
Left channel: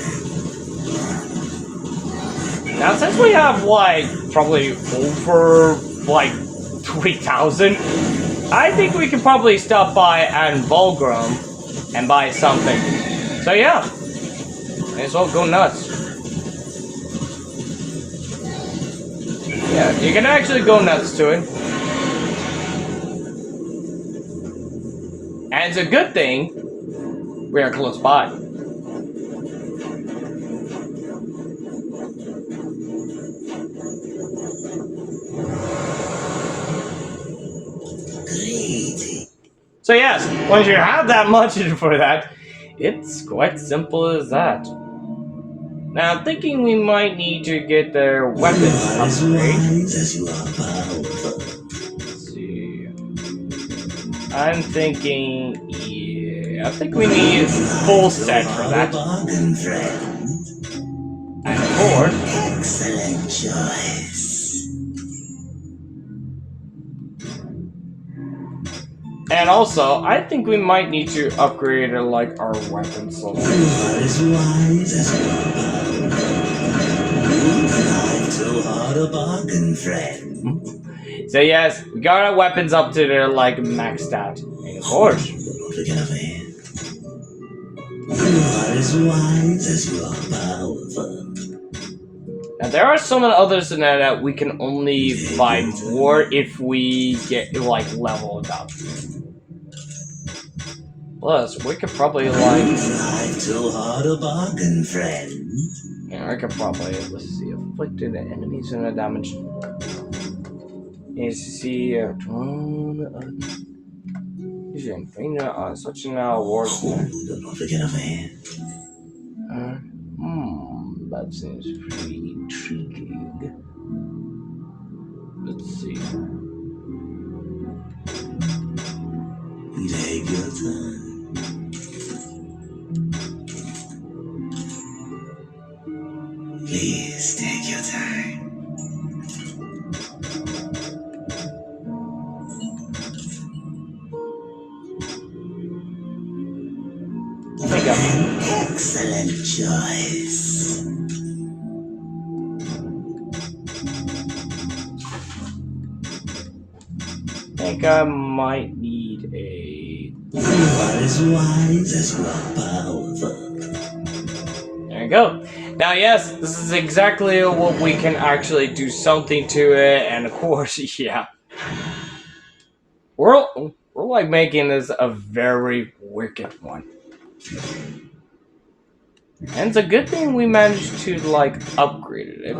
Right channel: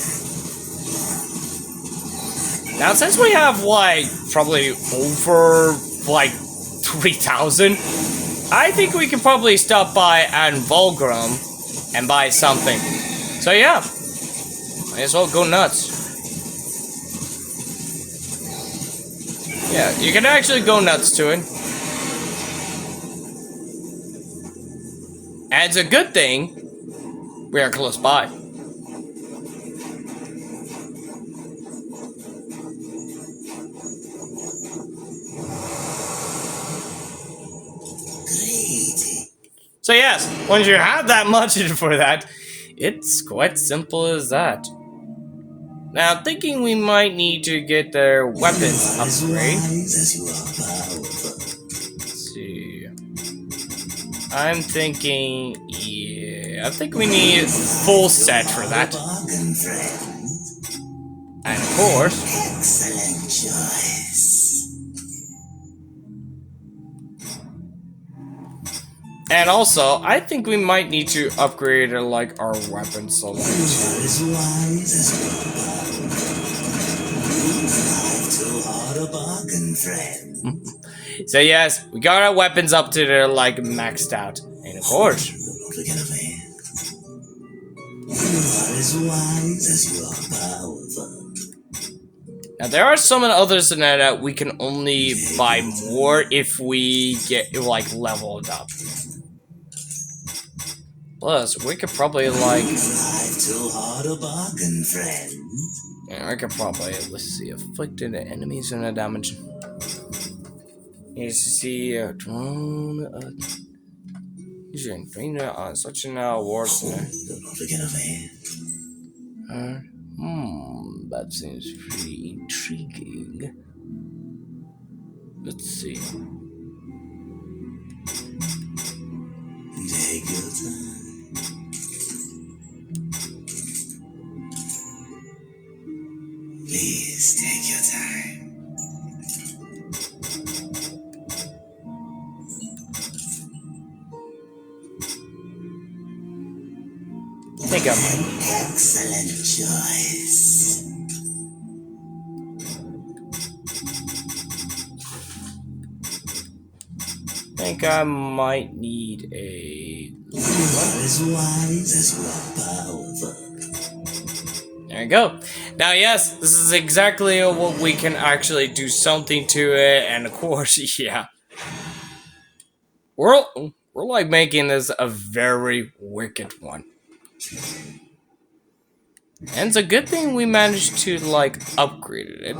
Now since we have like probably over like 3,000, I think we can probably stop by at Volgrim and buy something. So yeah, might as well go nuts. Yeah, you can actually go nuts to it. And it's a good thing we are close by. So yes, once you have that much for that, it's quite simple as that. Now I'm thinking we might need to get their weapons upgrade. Let's see. I'm thinking, yeah, I think we need a full set for that. And of course, excellent choice. And also, I think we might need to upgrade like our weapons so So yes, we got our weapons up to their like maxed out. And of course, now there are some others in there that we can only buy more if we get like leveled up. Plus, we could probably like too hard a bargain, friend. Yeah, I could probably let's see afflicted enemies and the damage. Is see drone on such an award. That seems pretty intriguing. Let's see. Take your time. like a... Excellent choice. I think I might need a... What is wise is what powerful. There you go. Now, yes, this is exactly what we can actually do something to it, and of course, yeah. We're like making this a very wicked one. And it's a good thing we managed to, like, upgrade it.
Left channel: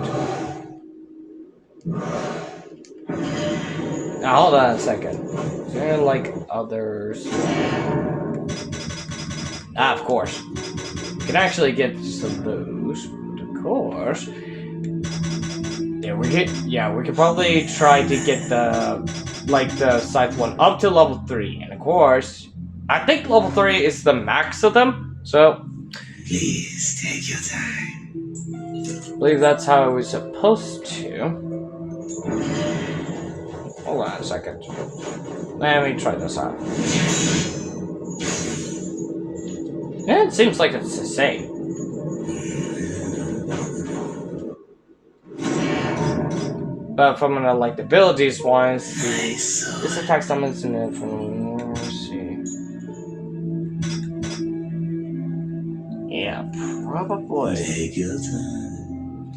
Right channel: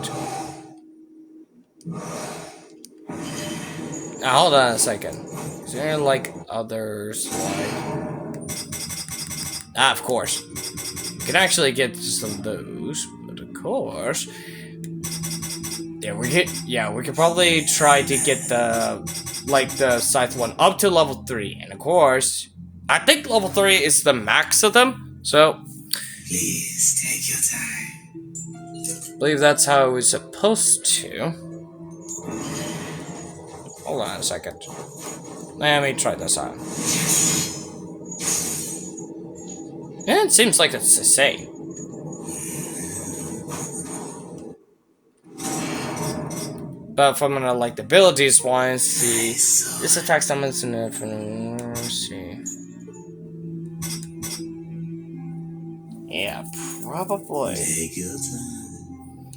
Now, hold on a second. Is there, like, others? Ah, of course. You can actually get some of those, but of course... Yeah, we could probably try to get the scythe one up to level 3. And of course, I think level 3 is the max of them, so... Please take your time. I believe that's how it was supposed to. Hold on a second. Let me try this out. Yeah, it seems like it's the same. But from like the abilities wise, this attack summons in it from... Let's see. Yeah, probably. Take your time.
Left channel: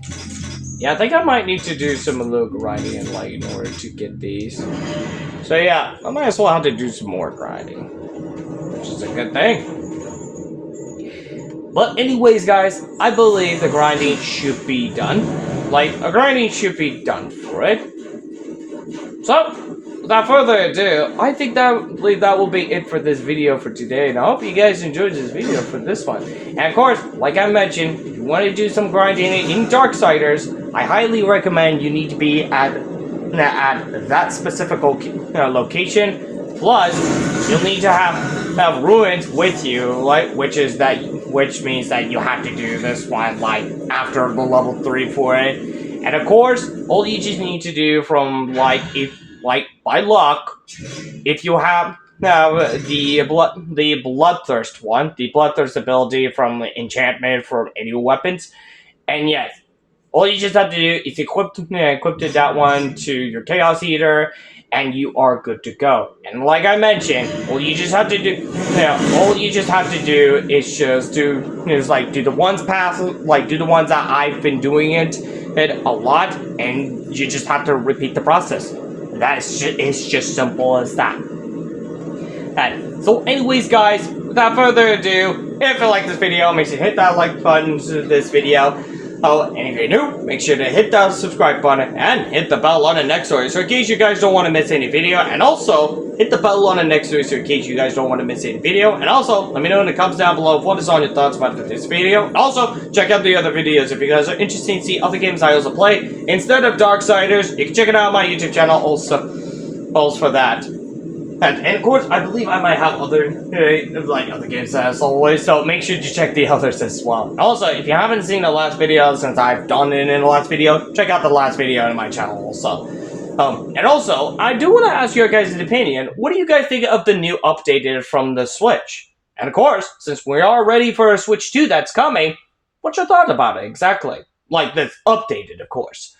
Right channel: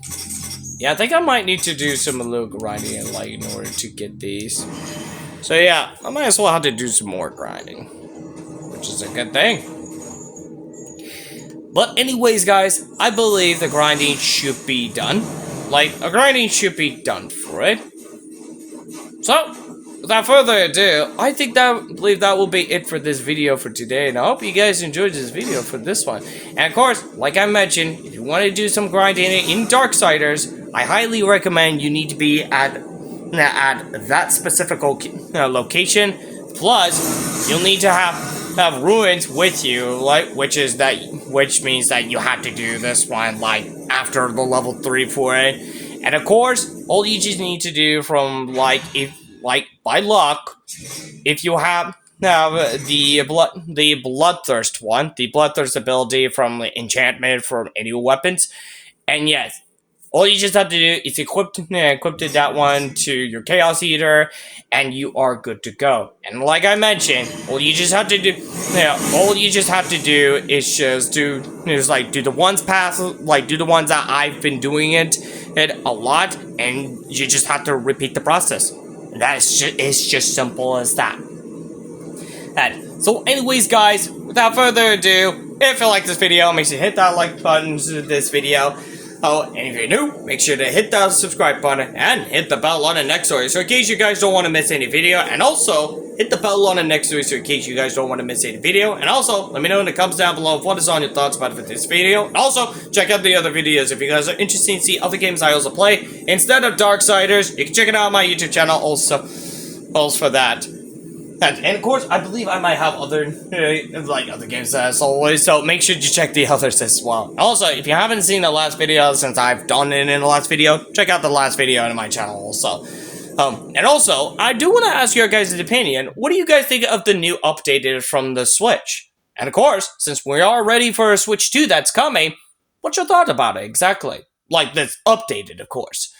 Yeah, I think I might need to do some little grinding like in order to get these. So yeah, I might as well have to do some more grinding, which is a good thing. But anyways, guys, I believe the grinding should be done. Like, a grinding should be done for it. So, without further ado, I believe that will be it for this video for today. And I hope you guys enjoyed this video for this one. And of course, like I mentioned, if you want to do some grinding in Darksiders, I highly recommend you need to be at that specific location. Plus, you'll need to have ruins with you, like which means that you have to do this one like after the level 3 for it. And of course, all you just need to do from by luck, if you have the bloodthirst one, the bloodthirst ability from the enchantment from any weapons, and yes, all you just have to do is equip that one to your Chaos Eater, and you are good to go. And like I mentioned, all you just have to do is just do the ones do the ones that I've been doing it a lot, and you just have to repeat the process. It's just simple as that. So anyways, guys, without further ado, if you like this video, make sure to hit that like button to this video. Oh, and if you're new, make sure to hit that subscribe button and hit the bell on the next story, so in case you guys don't want to miss any video. And also, hit the bell on the next story, so in case you guys don't want to miss any video. And also, let me know in the comments down below what is on your thoughts about this video. And also, check out the other videos if you guys are interested in see other games I also play. Instead of Darksiders, you can check it out on my YouTube channel also for that. And of course, I believe I might have other games as always, so make sure to check the others as well. Also, if you haven't seen the last video since I've done it in the last video, check out the last video on my channel also. And also, I do want to ask your guys' opinion. What do you guys think of the new update from the Switch? And of course, since we are ready for a Switch 2 that's coming, what's your thought about it exactly? Like, that's updated, of course.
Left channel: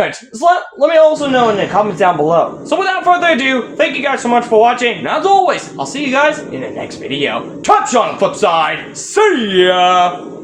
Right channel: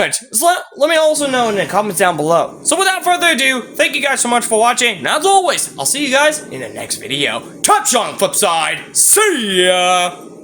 Alright, so let me also know in the comments down below. So without further ado, thank you guys so much for watching, and as always, I'll see you guys in the next video. Touch on the flip side, see ya!